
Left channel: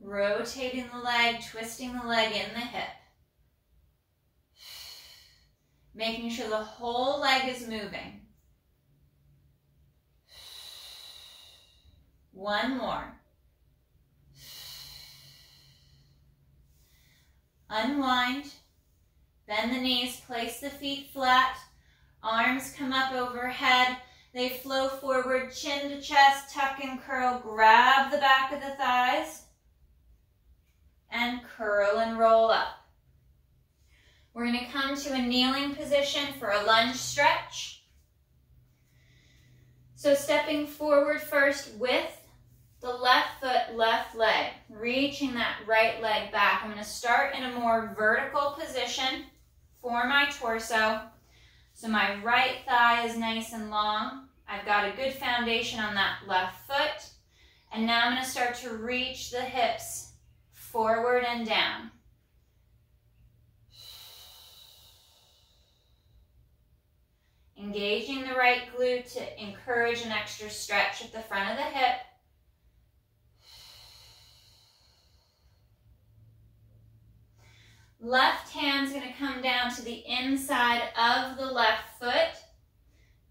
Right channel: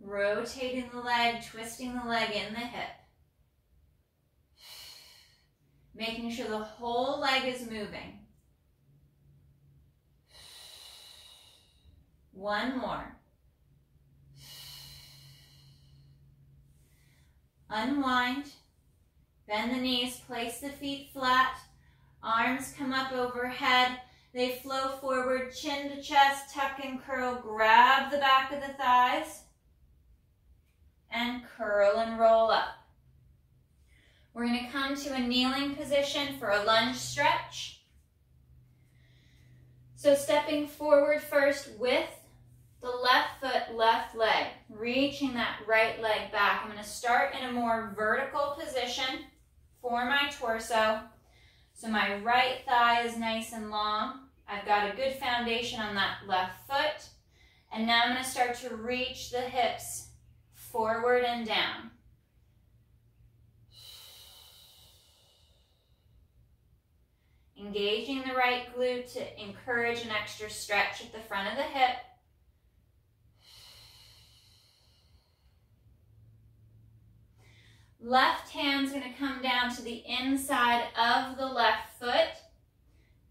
Rotating the leg, twisting the leg in the hip. Making sure the whole leg is moving. One more. Unwind. Bend the knees, place the feet flat. Arms come up overhead. They flow forward, chin to chest, tuck and curl. Grab the back of the thighs. And curl and roll up. We're going to come to a kneeling position for a lunge stretch. So stepping forward first with the left foot, left leg, reaching that right leg back. I'm going to start in a more vertical position for my torso. So my right thigh is nice and long. I've got a good foundation on that left foot. And now I'm going to start to reach the hips forward and down. Engaging the right glute to encourage an extra stretch at the front of the hip. Left hand's going to come down to the inside of the left foot,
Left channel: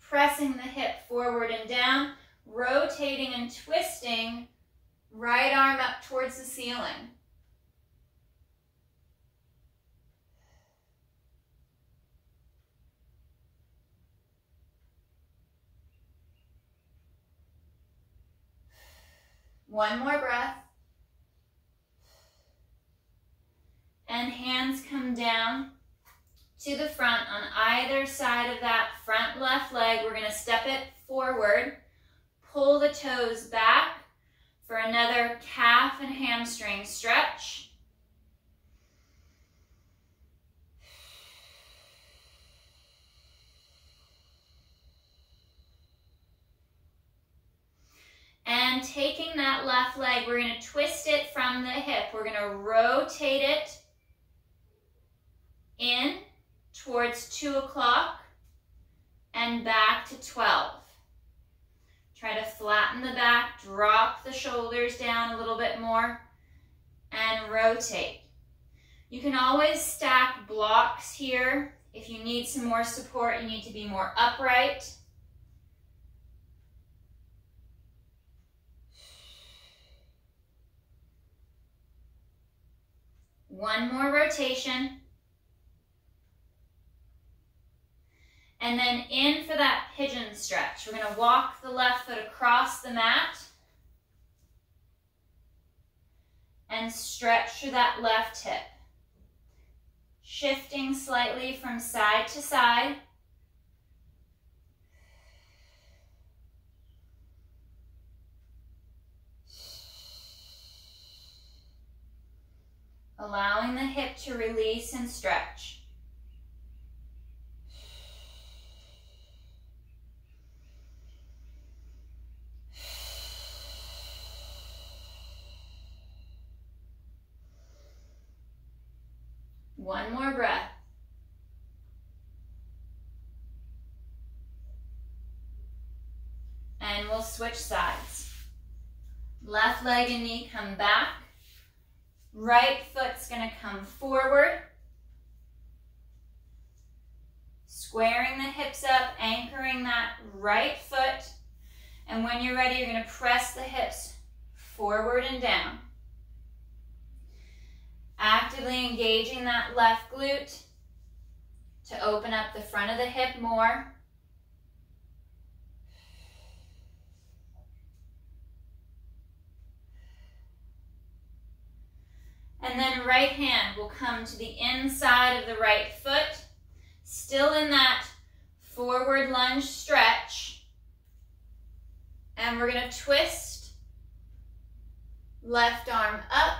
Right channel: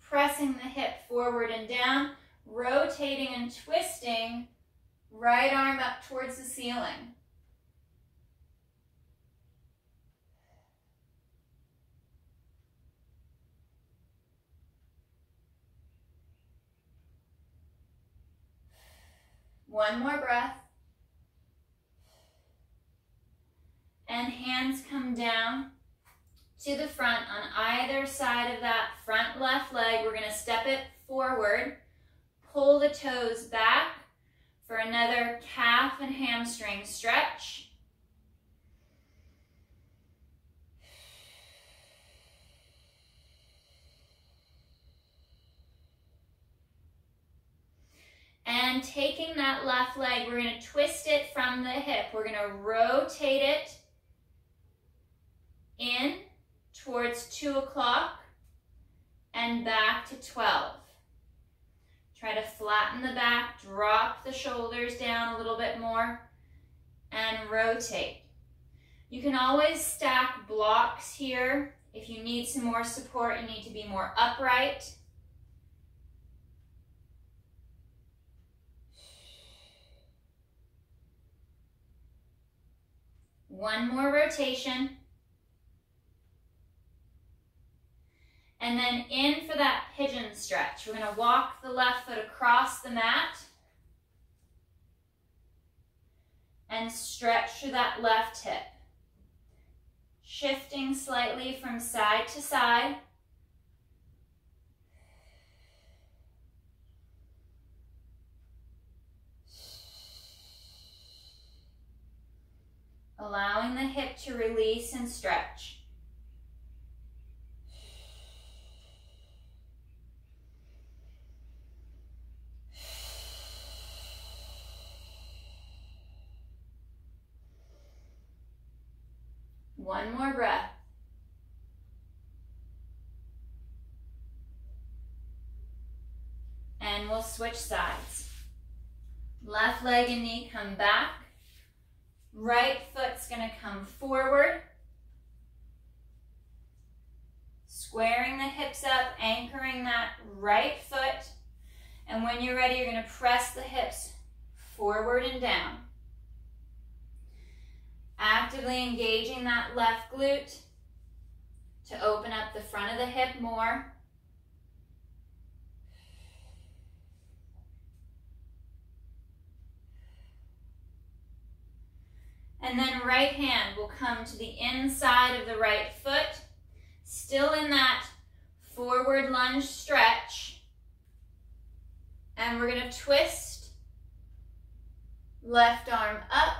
pressing the hip forward and down, rotating and twisting, right arm up towards the ceiling. One more breath. And hands come down to the front on either side of that front left leg. We're going to step it forward, pull the toes back for another calf and hamstring stretch. And taking that left leg, we're going to twist it from the hip. We're going to rotate it in towards 2 o'clock and back to 12. Try to flatten the back, drop the shoulders down a little bit more, and rotate. You can always stack blocks here. If you need some more support, you need to be more upright. One more rotation. And then in for that pigeon stretch. We're going to walk the left foot across the mat and stretch through that left hip. Shifting slightly from side to side. Allowing the hip to release and stretch. One more breath. And we'll switch sides. Left leg and knee come back. Right foot's going to come forward. Squaring the hips up, anchoring that right foot. And when you're ready, you're going to press the hips forward and down. Actively engaging that left glute to open up the front of the hip more. And then right hand will come to the inside of the right foot, still in that forward lunge stretch. And we're going to twist, left arm up,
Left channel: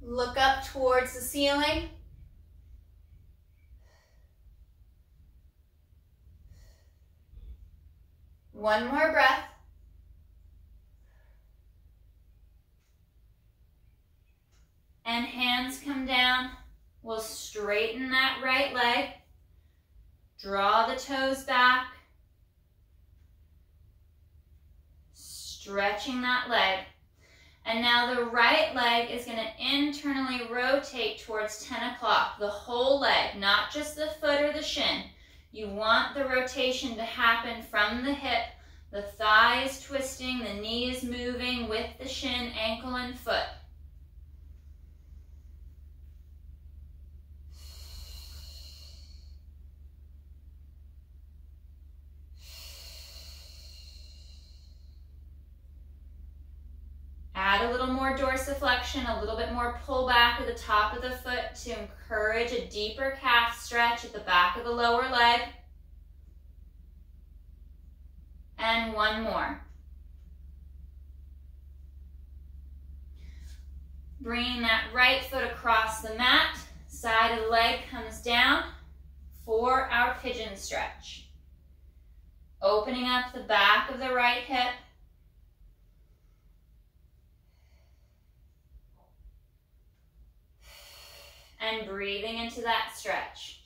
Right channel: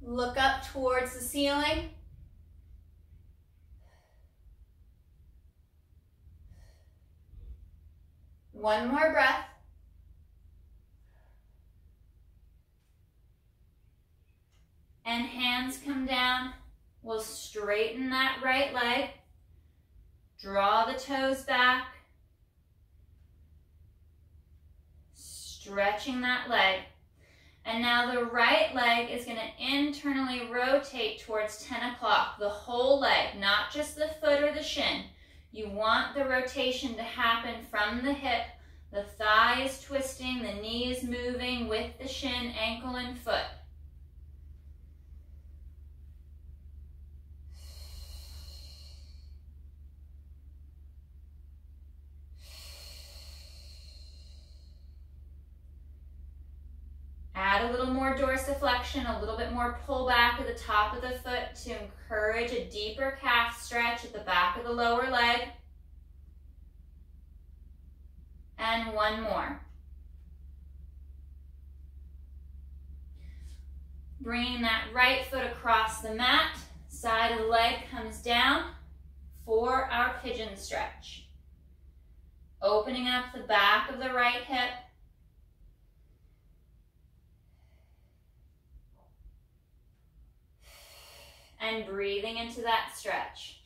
look up towards the ceiling. One more breath. And hands come down. We'll straighten that right leg. Draw the toes back. Stretching that leg. And now the right leg is going to internally rotate towards 10 o'clock. The whole leg, not just the foot or the shin. You want the rotation to happen from the hip. The thigh is twisting, the knee is moving with the shin, ankle, and foot. Add a little more dorsiflexion, a little bit more pull back at the top of the foot to encourage a deeper calf stretch at the back of the lower leg. And one more. Bringing that right foot across the mat, side of the leg comes down for our pigeon stretch. Opening up the back of the right hip. And breathing into that stretch.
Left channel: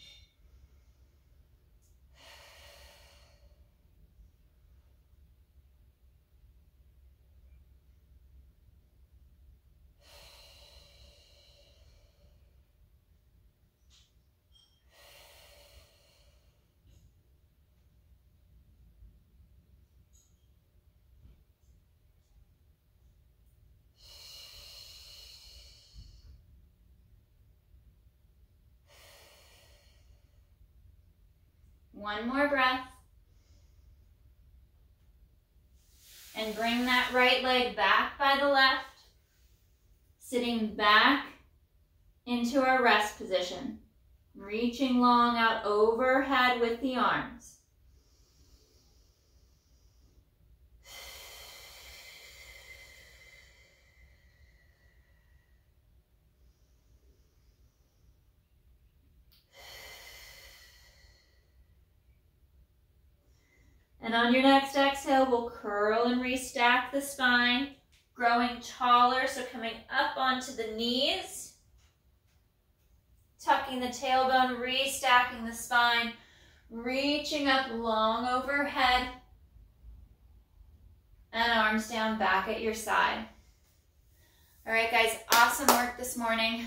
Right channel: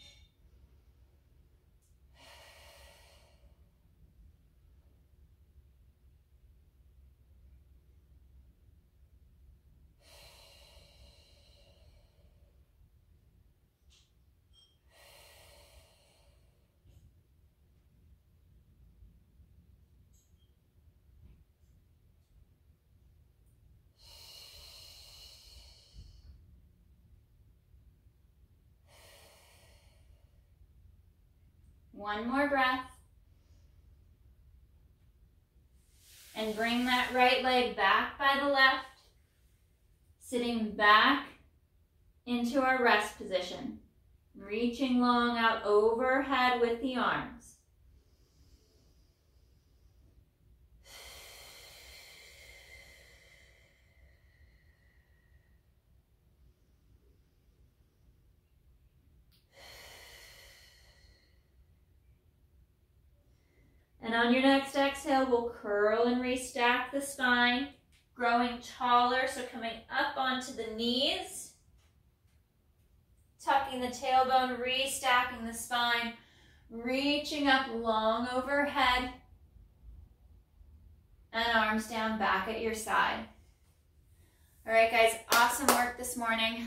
One more breath. And bring that right leg back by the left, sitting back into our rest position. Reaching long out overhead with the arms. And on your next exhale, we'll curl and restack the spine, growing taller, so coming up onto the knees, tucking the tailbone, restacking the spine, reaching up long overhead, and arms down back at your side. All right, guys, awesome work this morning.